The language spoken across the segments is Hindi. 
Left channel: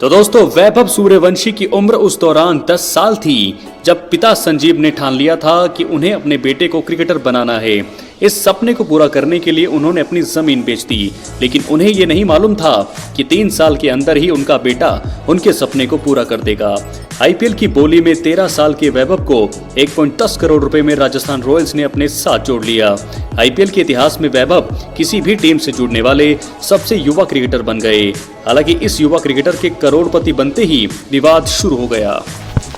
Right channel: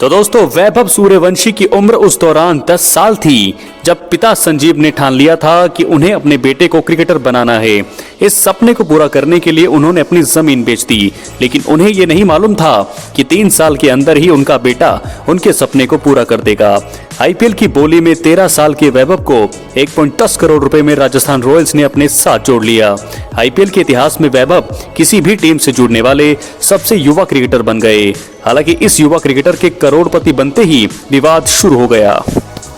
तो दोस्तों, वैभव सूर्यवंशी की उम्र उस दौरान 10 साल थी जब पिता संजीव ने ठान लिया था कि उन्हें अपने बेटे को क्रिकेटर बनाना है। इस सपने को पूरा करने के लिए उन्होंने अपनी जमीन बेच दी, लेकिन उन्हें ये नहीं मालूम था कि 3 साल के अंदर ही उनका बेटा उनके सपने को पूरा कर देगा। आईपीएल की बोली में 13 साल के वैभव को 1.10 करोड़ रुपए में राजस्थान रॉयल्स ने अपने साथ जोड़ लिया। आईपीएल के इतिहास में वैभव किसी भी टीम से जुड़ने वाले सबसे युवा क्रिकेटर बन गए। हालांकि इस युवा क्रिकेटर के करोड़पति बनते ही विवाद शुरू हो गया।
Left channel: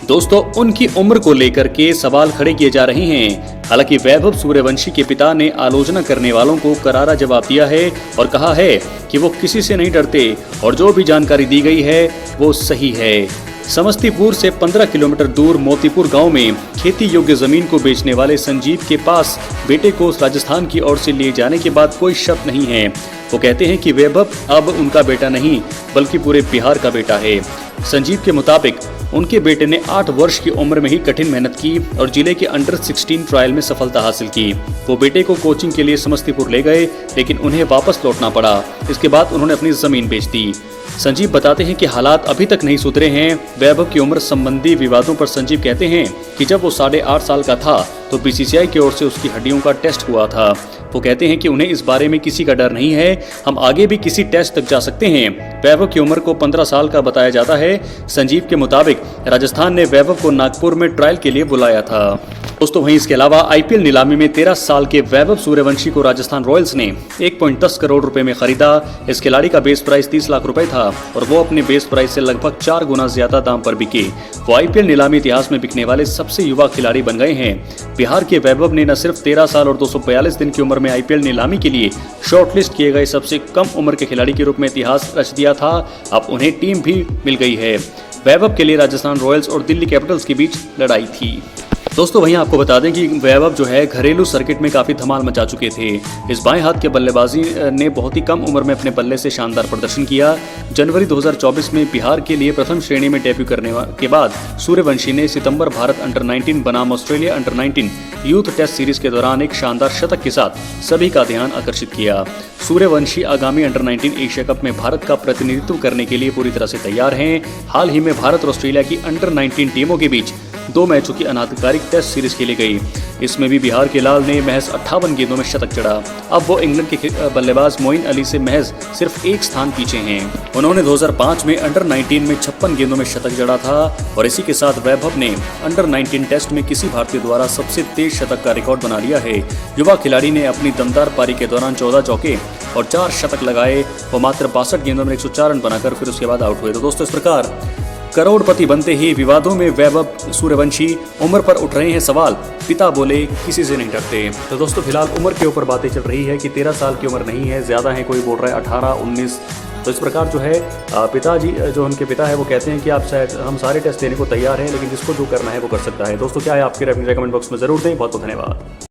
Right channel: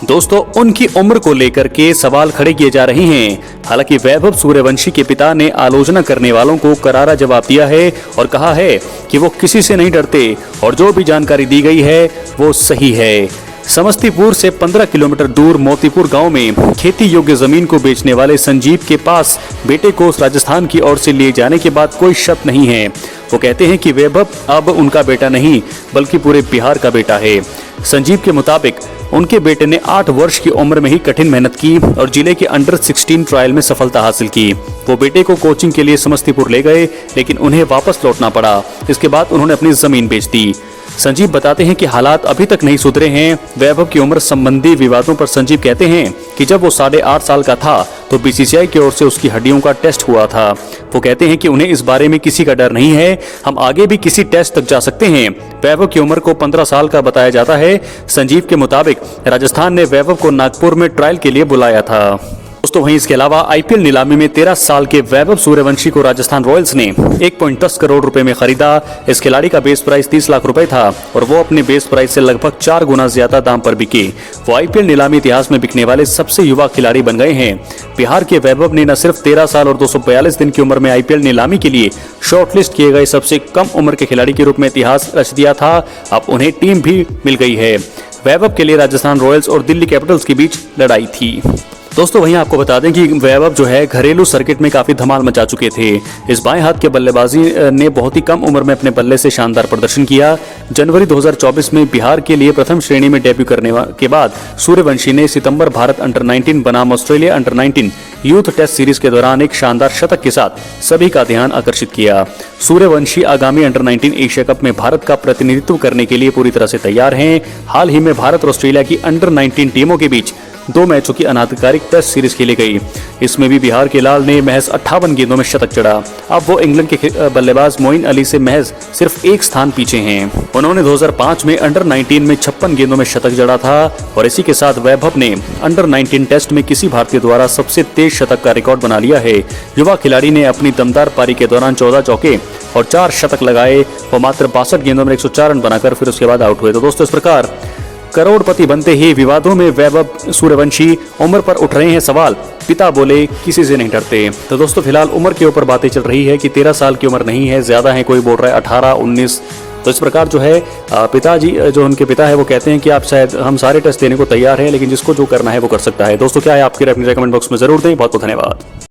दोस्तों, उनकी उम्र को लेकर के सवाल खड़े किए जा रहे हैं। हालांकि वैभव सूर्यवंशी के पिता ने आलोचना करने वालों को करारा जवाब दिया है और कहा है कि वो किसी से नहीं डरते और जो भी जानकारी दी गई है वो सही है। समस्तीपुर से 15 किलोमीटर दूर मोतीपुर गांव में खेती योग्य जमीन को बेचने वाले संजीव के पास बेटे को राजस्थान की ओर से लिए जाने के बाद कोई शक नहीं है। वो कहते हैं कि वैभव अब उनका बेटा नहीं बल्कि पूरे बिहार का बेटा है। संजीव के मुताबिक उनके बेटे ने 8 वर्ष की उम्र में ही कठिन मेहनत की और जिले के अंडर 16 ट्रायल में सफलता हासिल की। वो बेटे को कोचिंग के लिए समस्तीपुर ले गए, लेकिन उन्हें वापस लौटना पड़ा। इसके बाद उन्होंने अपनी जमीन बेच दी। संजीव बताते हैं कि हालात अभी तक नहीं सुधरे हैं। वैभव की उम्र संबंधी विवादों पर संजीव कहते हैं कि जब वो 8.5 साल का था तो बीसीसीआई की ओर से उसकी हड्डियों का टेस्ट हुआ था। वो कहते हैं कि उन्हें इस बारे में किसी का डर नहीं है, हम आगे भी किसी टेस्ट तक जा सकते हैं। वैभव की उम्र को 15 साल का बताया जाता है। संजीव के मुताबिक राजस्थान ने वैभव को नागपुर में ट्रायल के लिए बुलाया था। दोस्तों, वहीं इसके अलावा आईपीएल नीलामी में 13 साल के वैभव सूर्यवंशी को राजस्थान रॉयल्स ने 1.10 करोड़ रुपए में खरीदा। इस खिलाड़ी का बेस प्राइस 30 लाख रुपए था और वो अपने बेस प्राइस से लगभग 4 गुना ज्यादा दाम पर बिके। वो आईपीएल नीलामी इतिहास में बिकने वाले सबसे युवा खिलाड़ी बन गए हैं। बिहार के वैभव ने न सिर्फ 13 साल और 242 दिन की उम्र में आईपीएल नीलामी के लिए शॉर्टलिस्ट किए गए सबसे कम उम्र के खिलाड़ी के रूप में इतिहास रच दिया था, अब उन्हें टीम भी मिल गई है। वैभव के लिए राजस्थान रॉयल्स और दिल्ली कैपिटल्स के बीच लड़ाई थी। दोस्तों, वहीं आपको बता दें कि वैभव जो है घरेलू सर्किट में काफी धमाल मचा चुके थे। इस बाएं हाथ के बल्लेबाजी ने बहुत ही कम उम्र में अपने बल्ले से शानदार प्रदर्शन किया। जनवरी 2024 में बिहार के लिए प्रथम श्रेणी में डेब्यू करने के बाद सूर्यवंशी ने सितंबर भारत अंडर 19 बनाम Australia under 19 youth test series के दौरान एक शानदार शतक के साथ सभी का ध्यान आकर्षित किया। सूर्यवंशी आगामी अंडर 19 एशिया कप में भारत का प्रतिनिधित्व करने के लिए पूरी तरह से तैयार हैं। हाल ही में भारत और ऑस्ट्रेलिया की अंडर 19 टीमों के बीच 2 मैचों की अनाधिकारिक टेस्ट सीरीज खेली गई। इसमें भी बिहार के लाल ने महज 58 गेंदों में शतक जड़ा। अब वो इंग्लैंड के बल्लेबाज मोइन अली से महज सिर्फ 1 स्थान पीछे हैं। उन्होंने 2005 में अंडर 19 में 56 गेंदों में शतक जड़ा था और इसी के साथ वैभव ने अंडर 19 टेस्ट में किसी भारतीय द्वारा सबसे तेज शतक का रिकॉर्ड बना लिया है। युवा खिलाड़ी ने अपनी दमदार पारी के दौरान 14 चौके और 4 शतक लगाए। वो मात्र 62 गेंदों में 104 रन बनाकर फिर उसके बाद आउट हुए। तो दोस्तों, इस प्रकार करोड़पति बनते ही विवादों में वैभव सूर्यवंशी उम्र पर उठ रहे हैं सवाल। पिता बोले किसी से नहीं डरते। तो दोस्तों, फिलहाल उम्र के ऊपर बातें चल रही है कि 13 साल की उम्र नहीं है, ज्यादा है, कोई बोल रहा है 18, 19। तो इस प्रकार जो है पिताजी जो उनके पिता है वो कहते हैं कि आप शायद हम सारे टेस्ट देने को तैयार हैं, लेकिन जिसको जो करना है वो कर सकता है। दोस्तों, क्या है आपकी राय? कमेंट बॉक्स में जरूर दें। बहुत बहुत धन्यवाद।